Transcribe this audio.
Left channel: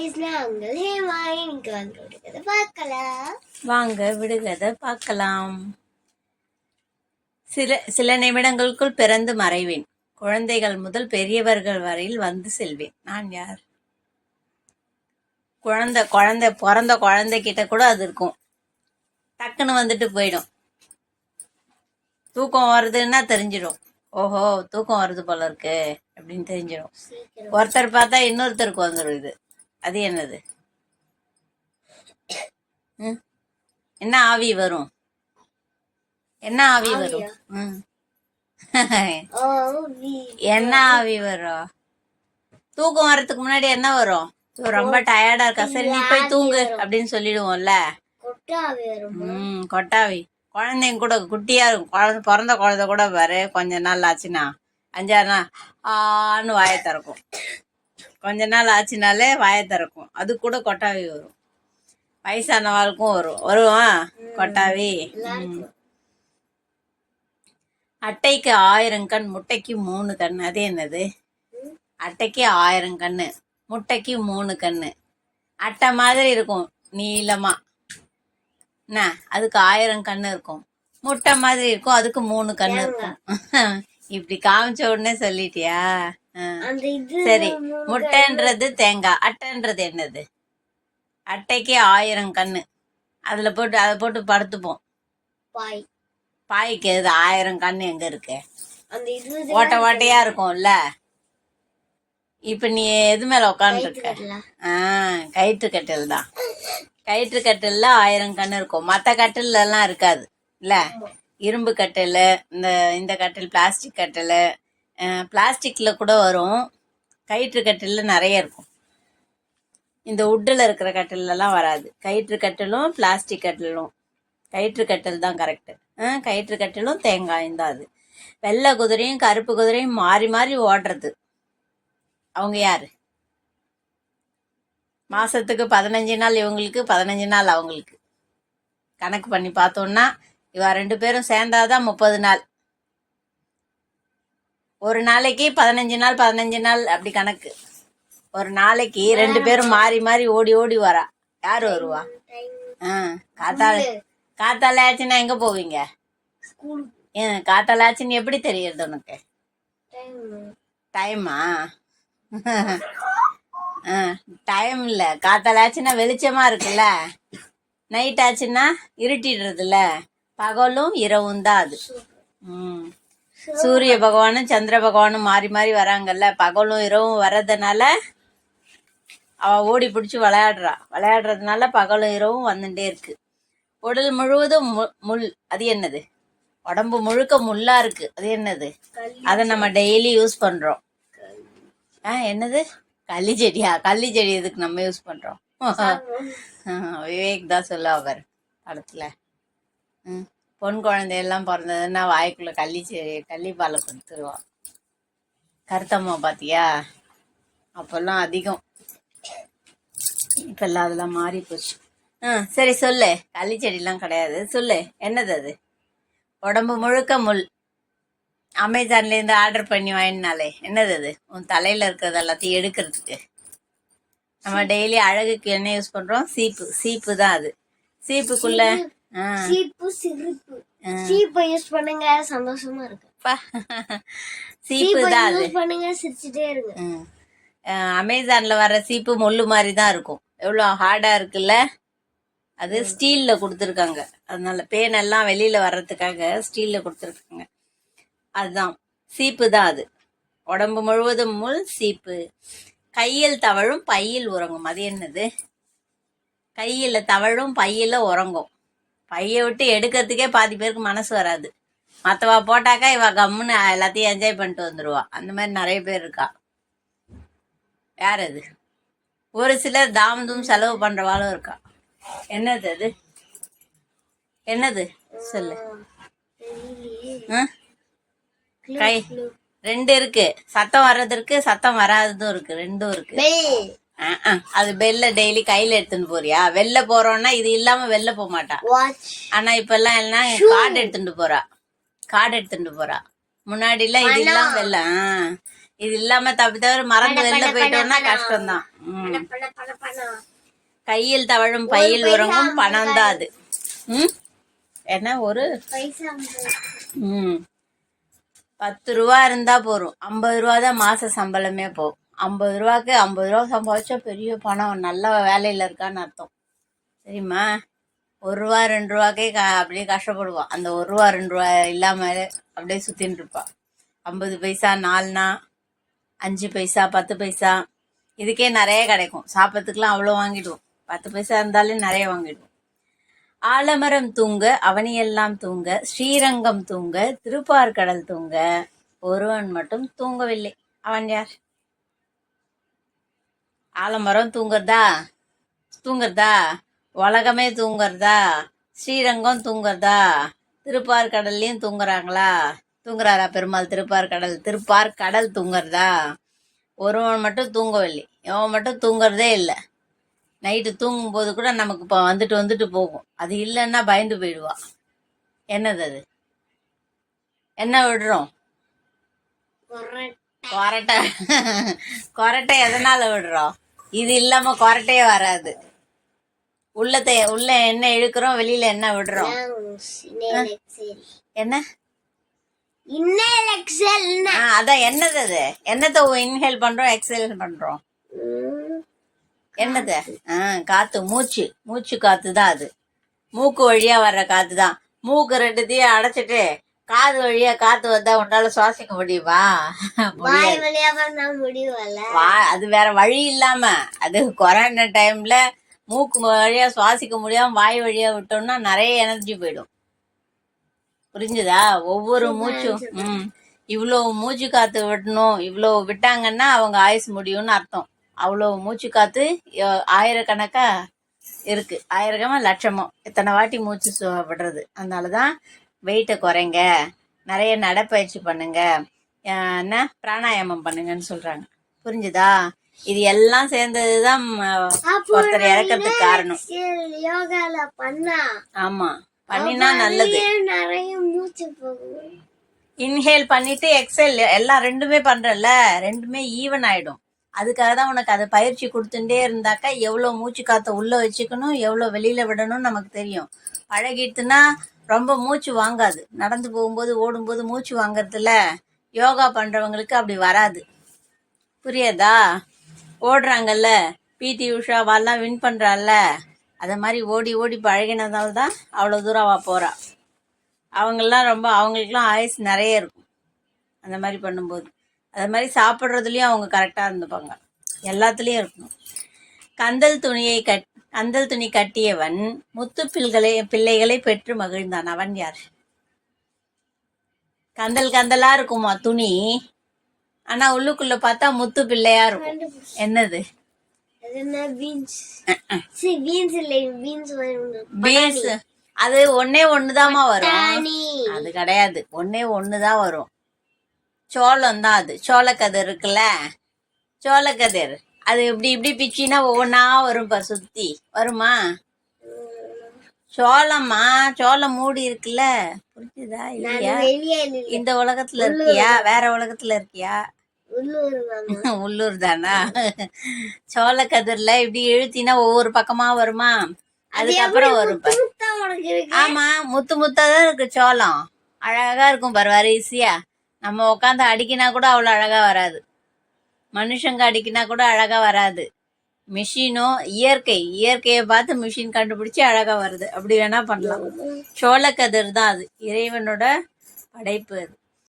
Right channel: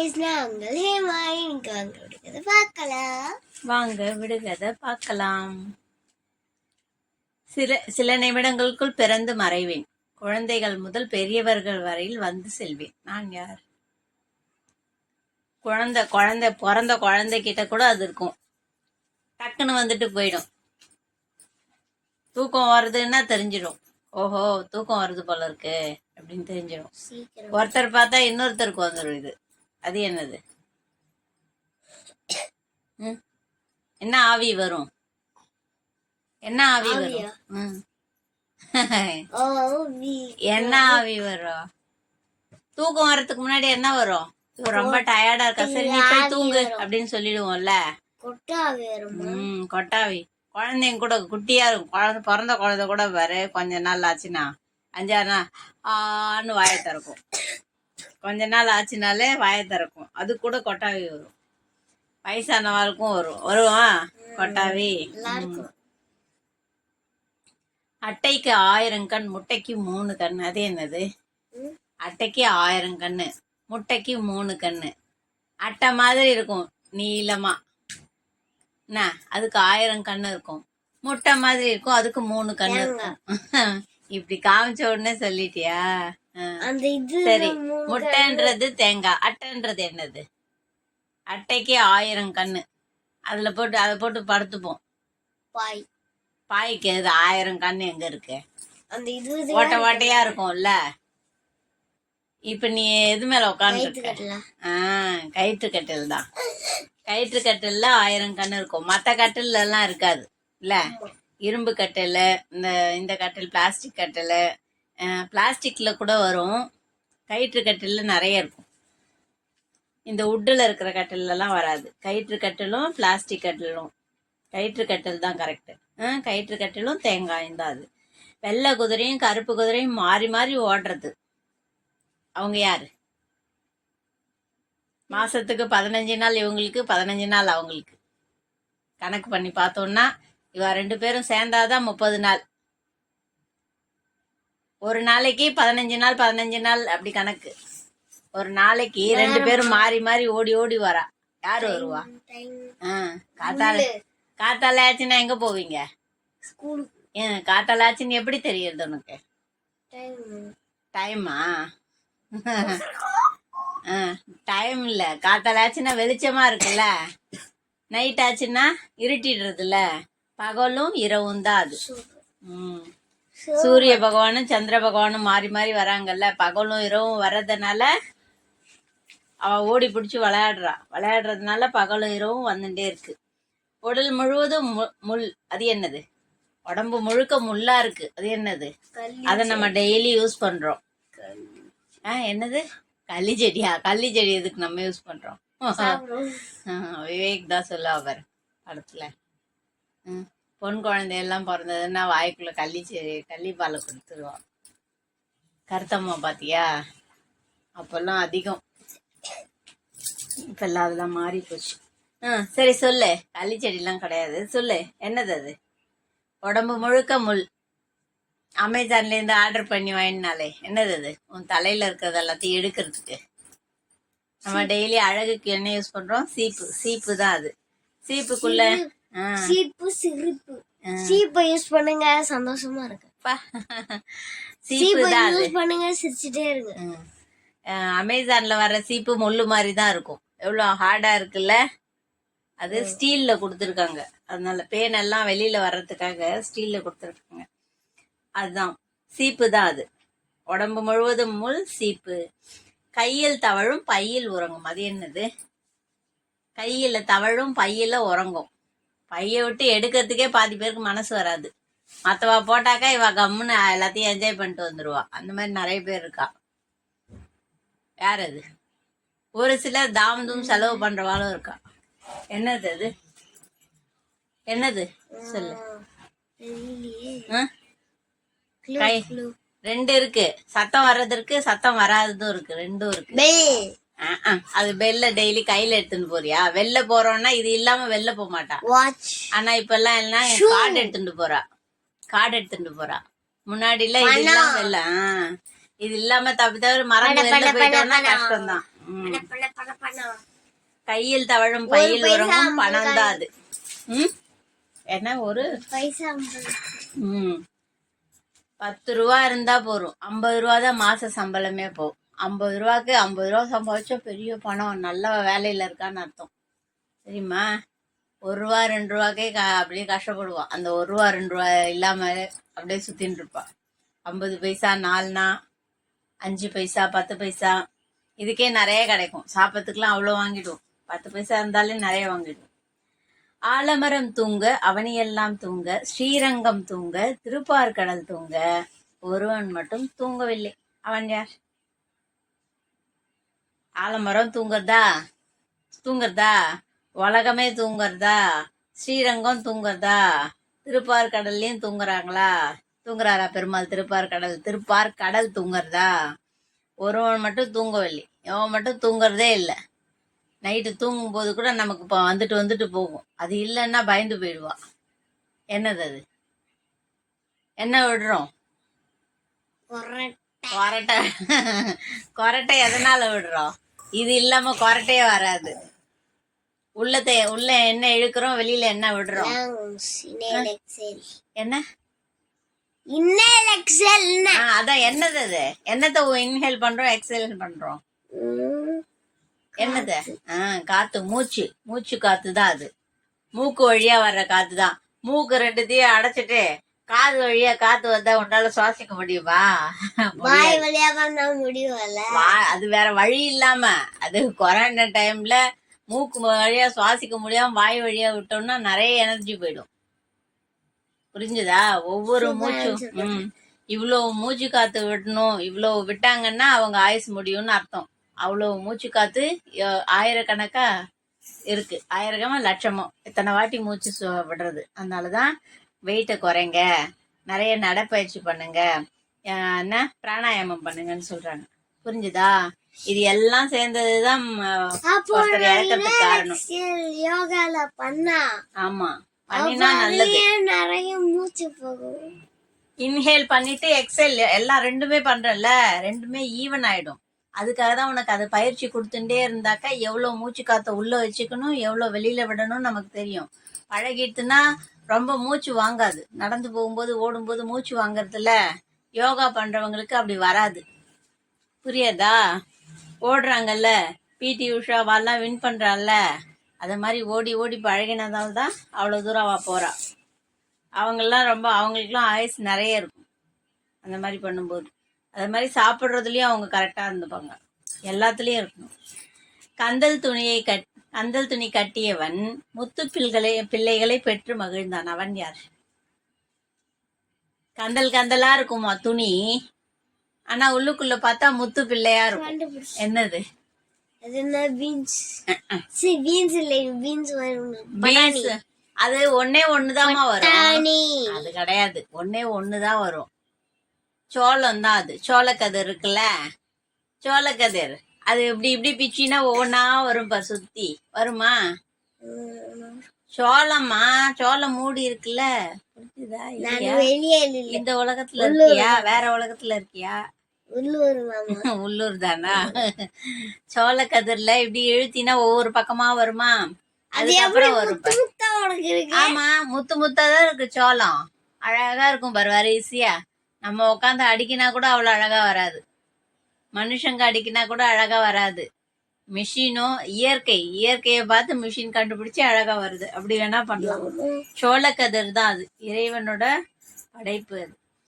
guys, நாங்கள் ஹேமா இன்னைக்கு வாங்க விடுகதை பார்க்கலாம். வாங்க விடுகதை பார்க்கலாம். சில நிமிடங்களுக்குள் பிறந்து மறைவேன். குழந்தைகள் முதல் பெரியவர்கள் வரையில் வந்து செல்வேன். நான் யார்? பிறந்த குழந்தைகிட்ட கூட அது இருக்கும். டக்குன்னு வந்துட்டு போயிடும். தூக்கம் வருதுன்னா தெரிஞ்சிடும். ஓஹோ, தூக்கம் வருது போல இருக்கு அப்படின்னு தெரிஞ்சிடும். ஒருத்தர் பார்த்தா இன்னொருத்தருக்கு வந்துடும். இது அது என்னது? என்ன ஆவி வரும்? என்ன ஆவி வரும்? என்ன ஆவி வரும்? தூக்கம் வர்றதுக்கு முன்னாடி என்ன வரும்? ரொம்ப டயர்டா இருக்கா, சரி நீ போய் தூங்கு அப்படின்னு சொல்லிடுவோம்ல. கொட்டாவி. குழந்தைங்க கூட குட்டியா இருக்கும். பிறந்த குழந்தை கூட பாரு, கொஞ்ச நாள் ஆச்சுன்னா 5-6 நாள் ஆன்னு வாயை திறக்கும். கொஞ்ச நாள் ஆச்சுனாலே வாயை திறக்கும். அது கூட கொட்டாவி வரும். வயசானவாளுக்கும் வருவான் கொட்டாவி. அட்டைக்கு 1000 கண், முட்டைக்கு 3 கண். அது என்னது? அட்டைக்கு 1000 கண்ணு, முட்டைக்கு 3 கண்ணு. அட்டை மாதிரி இருக்கும் நீளமா, என்ன அதுக்கு 1000 கண்ணு இருக்கும். முட்டை மாதிரி இருக்கும், அதுக்கு 3 கண்ணு இருக்கும். இப்படி காமிச்ச உடனே சொல்லிட்டியா? சரி, முட்டைன்றது தேங்காய், அட்டைன்றது என்னது? அட்டைக்கு 1000 கண்ணு, அதை போட்டு படுத்துப்போம். பாய்க்கு 1000 கண்ணு எங்க இருக்கு? ஓட்ட ஓட்டையா இருக்கும்ல. இப்ப நீ எது மேல உட்காந்துருக்க? கயிற்று கட்டில் தான். கயிற்று கட்டில்ல 1000 கண்ணு இருக்கும். மற்ற கட்டில்ல எல்லாம் இருக்காது இல்ல. இரும்பு கட்டில், இந்த கட்டில் பிளாஸ்டிக் கட்டில், பிளாஸ்டிக்ல கூட வரும். கயிற்று கட்டில்ல நிறைய இருக்கும். இந்த உட்டில் இருக்கிற கட்டிலெல்லாம் வராது. கயிற்று கட்டிலும் பிளாஸ்டிக் கட்டிலும். கயிற்று கட்டில் தான் கரெக்டு. கயிற்று கட்டிலும் தேங்காயும் தான். அது வெள்ளை குதிரையும் கருப்பு குதிரையும் மாறி மாறி ஓடுறது. அவங்க யாரு? மாசத்துக்கு 15 நாள் இவங்களுக்கு, 15 நாள் அவங்களுக்கு. கணக்கு பண்ணி பார்த்தோம்னா இவ 2 பேரும் சேர்ந்தாதான் 30 நாள். ஒரு நாளைக்கு 15 நாள் 15 நாள் அப்படி கணக்கு. ஒரு நாளைக்கு 2 பேரும் மாறி மாறி ஓடி ஓடி வரா. யாரு வருவா? காத்தால ஆச்சுன்னா எங்க போவீங்க? காத்தால ஆச்சுன்னு எப்படி தெரியுது உனக்கு? டைமா? டைம் இல்ல. காத்தால ஆச்சுன்னா வெளிச்சமா இருக்குல்ல. நைட் ஆச்சுன்னா இருட்டிடுறதுல. பகலும் இரவும் தான் அது. சூரிய பகவானும் சந்திர பகவானும் மாறி மாறி வராங்கல்ல. பகலும் இரவும் வர்றதுனால அவ ஓடி பிடிச்சி விளையாடுறதுனால பகலும் இரவும் வந்துட்டே இருக்கு. உடல் முழுவதும் முள். அது என்னது? உடம்பு முழுக்க முள்ளா இருக்கு. அது என்னது? அதை நம்ம டெய்லி யூஸ் பண்றோம். என்னது? கள்ளி செடியா? கள்ளி செடி எதுக்கு நம்ம யூஸ் பண்றோம்? விவேக் தான் சொல்ல அவர் படத்துல. பொன் குழந்தையெல்லாம் பிறந்ததுன்னா வாய்க்குள்ள கள்ளி பாலை கொடுத்துருவான். கருத்தம்மா பாத்தியா? அப்பெல்லாம் அதிகம். இப்பெல்லாம் அதெல்லாம் மாறி போச்சு. சரி சொல்லு. கள்ளி செடிலாம் கிடையாது, சொல்லு. என்னது அது? உடம்பு முழுக்க முள். அமேசான்ல இருந்து ஆர்டர் பண்ணி வாங்கினாலே. என்னது அது? உன் தலையில இருக்கிறது எல்லாத்தையும் எடுக்கிறதுக்கு. நம்ம டெய்லி அழகுக்கு என்ன யூஸ் பண்றோம்? சீப்பு தான் அது. சீப்புக்குள்ள சீப்பை யூஸ் பண்ணுங்க, சந்தோஷமா இருக்கு. சீப்பு தான் அது. பண்ணுங்க, சிரிச்சுட்டே இருக்கு. அமேசான்ல வர சீப்பு முள்ளு மாதிரி தான் இருக்கும். எவ்வளவு ஹார்டா இருக்குல்ல. அது ஸ்டீல்ல கொடுத்துருக்காங்க. அதனால பேன் எல்லாம் வெளியில வர்றதுக்காக ஸ்டீல்ல கொடுத்துருக்காங்க. அதுதான் சீப்பு தான் அது. உடம்பு முழுவதும் முள், சீப்பு. கையில் தவழும் பையில் உறங்கும். அது என்னது? கையில தவழும் பையில உறங்கும். பைய விட்டு எடுக்கிறதுக்கே பாதி பேருக்கு மனசு வராது. மற்றவா போட்டாக்கா இவ கம்முன்னு எல்லாத்தையும் என்ஜாய் பண்ணிட்டு வந்துடுவா. அந்த மாதிரி நிறைய பேர் இருக்கா. யார் அது? ஒரு சிலர் தாமதும் செலவு பண்றவாளும் இருக்கா. என்னது அது? என்னது சொல்லு. கை 2 இருக்கு. சத்தம் வர்றதுக்கு சத்தம் வராததும் இருக்கு. 2 இருக்கு. அது பெல்ல டெய்லி கையில எடுத்துட்டு போறியா? வெளில போறோம்னா இது இல்லாம வெளில போக மாட்டா. ஆனா இப்ப எல்லாம் கார்டு எடுத்துட்டு போறா. முன்னாடி எல்லாம் இது இல்லாம வெளில இது இல்லாம தவிர மறந்து வெளில போயிட்டோம்னா கஷ்டம்தான். பணம் கையில் தவழும் பையில் உறங்கும் பணம் தான் அது. என்ன ஒரு பைசா 10 ரூபா இருந்தா போறோம். 50 ரூபா தான் மாச சம்பளமே போகும். 50 ரூபாய்க்கு 50 ரூபா சம்பாதிச்சா பெரிய பணம், நல்ல வேலையில இருக்கான்னு அர்த்தம். சரிம்மா? 1 ரூபா 2 ரூபாய்க்கே அப்படியே கஷ்டப்படுவான். அந்த 1 ரூபா 2 ரூபா இல்லாம அப்படியே சுத்தின்னு இருப்பான். 50 பைசா 4 5 பைசா 10 பைசா இதுக்கே நிறைய கிடைக்கும். சாப்பிட்றதுக்குலாம் அவ்வளோ வாங்கிடுவோம். 10 பைசா இருந்தாலே நிறைய வாங்கிடுவோம். ஆலமரம் தூங்க அவனியெல்லாம் தூங்க, ஸ்ரீரங்கம் தூங்க, திருப்பார்கடல் தூங்க, ஒருவன் மட்டும் தூங்கவில்லை. அவன் யார்? ஆலமரம் தூங்குறதா, உலகமே தூங்குறதா, ஸ்ரீரங்கம் தூங்குறதா, திருப்பார்கடல்லையும் தூங்குறாரா பெருமாள்? திருப்பார்கடல் தூங்குறதா? ஒருவன் மட்டும் தூங்கவில்லை. அவன் மட்டும் தூங்குறதே இல்லை. நைட்டு தூங்கும்போது கூட நமக்கு இப்போ வந்துட்டு போகும். அது இல்லைன்னா பயந்து போயிடுவா. என்னது அது? என்ன விடுறோம்? கொரட்டை எதனால விடுறோம்? இது இல்லாம கொரட்டையே வராது. உள்ள என்ன இழுக்கிறோம், வெளியில என்ன விடுறோம்? என்ன? அதான் என்னது அது? என்னத்தை இன்ஹேல் பண்றோம், எக்ஸேல் பண்றோம்? என்னது? காத்து, மூச்சு காத்து தான் அது. மூக்கு வழியா வர்ற காத்து தான். மூக்கு 2த்தையும் அடைச்சிட்டு காது வழியா காத்து வந்தா உன்னால சுவாசிக்க முடியுமா? அது வேற வழி இல்லாம, அது கொரோனா டைம்ல மூக்கு வழியா சுவாசிக்க முடியாம வாய் வழியா விட்டோம்னா நிறைய எனர்ஜி போயிடும். புரிஞ்சுதா? ஒவ்வொரு மூச்சும் இவ்வளவு மூச்சு காத்து விடணும், இவ்வளவு விட்டாங்கன்னா அவங்க ஆயுசு முடியும்னு அர்த்தம். அவ்வளவு மூச்சு காத்து ஆயிரக்கணக்கா இருக்கு. ஆயிரக்கமா லட்சமோ இத்தனை வாட்டி மூச்சு விடுறது. அதனாலதான் வெயிட்டை குறைங்க, நிறைய நடைப்பயிற்சி பண்ணுங்க, என்ன பிராணாயாமம் பண்ணுங்கன்னு சொல்றாங்க. புரிஞ்சுதா? இது எல்லாம் சேர்ந்ததுதான் ஒருத்தர் இறக்கிறதுக்கு காரணம். யோகால பண்ணா, ஆமா, பண்ணினா நல்லது. நிறைய மூச்சு போகும். இன்ஹேல் பண்ணிட்டு எக்ஸேல் எல்லாம் ரெண்டுமே பண்றல, ரெண்டுமே ஈவன் ஆயிடும். அதுக்காக தான் உனக்கு அது பயிற்சி கொடுத்துட்டே இருந்தாக்கா எவ்வளவு மூச்சு காத்த உள்ள வச்சுக்கணும், எவ்வளவு வெளியில விடணும்னு நமக்கு தெரியும். பழகிட்டுனா ரொம்ப மூச்சு வாங்காது. நடந்து போகும்போது ஓடும்போது மூச்சு வாங்கறதுல யோகா பண்றவங்களுக்கு அப்படி வராது. புரியுதா? ஓடுறாங்கல்ல, பிடி உஷாவெல்லாம் வின் பண்றாள்ல, அத மாதிரி ஓடி ஓடி பழகினதால தான் அவ்வளவு தூரம் போறா. அவங்களுக்குலாம் ஆயுசு நிறைய இருக்கும் அந்த மாதிரி பண்ணும்போது. அது மாதிரி சாப்பிட்றதுலயும் அவங்க கரெக்டா இருந்துப்பாங்க. எல்லாத்துலயும் இருக்கணும். கந்தல் துணி கட்டியவன் முத்து பிள்ளைகளை பெற்று மகிழ்ந்தான். அவன் யார்? கந்தலா இருக்குமா துணி, ஆனா உள்ளுக்குள்ள பார்த்தா முத்து பிள்ளையா இருக்கும். என்னது? பீன்ஸ். அது ஒண்ணுதாமா வரும். அது கிடையாது, ஒண்ணுதான் வரும். சோளம் தான் அது. சோளக்கதிர் இருக்குல்ல, சோளக்கதிர் அது இப்படி பிச்சினா ஒவ்வொன்னா வரும். சுத்தி வருமா? சோளம்மா, சோளம் மூடி இருக்குல்ல. புரியுதா? இல்லையா? இந்த உலகத்துல இருக்கியா, வேற உலகத்துல இருக்கியா? உள்ளூர் தானா? சோளக்கதிர்ல இப்படி இழுத்தினா ஒவ்வொரு பக்கமா வருமா? அதுக்கப்புறம் வரும். ஆமா, முத்தாதான் இருக்கு சோளம். அழகா இருக்கும் பாரு, வரிசையா. நம்ம உட்காந்து அடிக்கினா கூட அவ்வளவு அழகா வராது. மனுஷங்க அடிக்கினா கூட அழகா வராது. மிஷினும் இயற்கையை பார்த்து மிஷின் கண்டுபிடிச்சு அழகா வருது. அப்படி வேணா பண்ணலாம். சோளக்கதிர் தான் அது, இறைவனோட படைப்பு அது.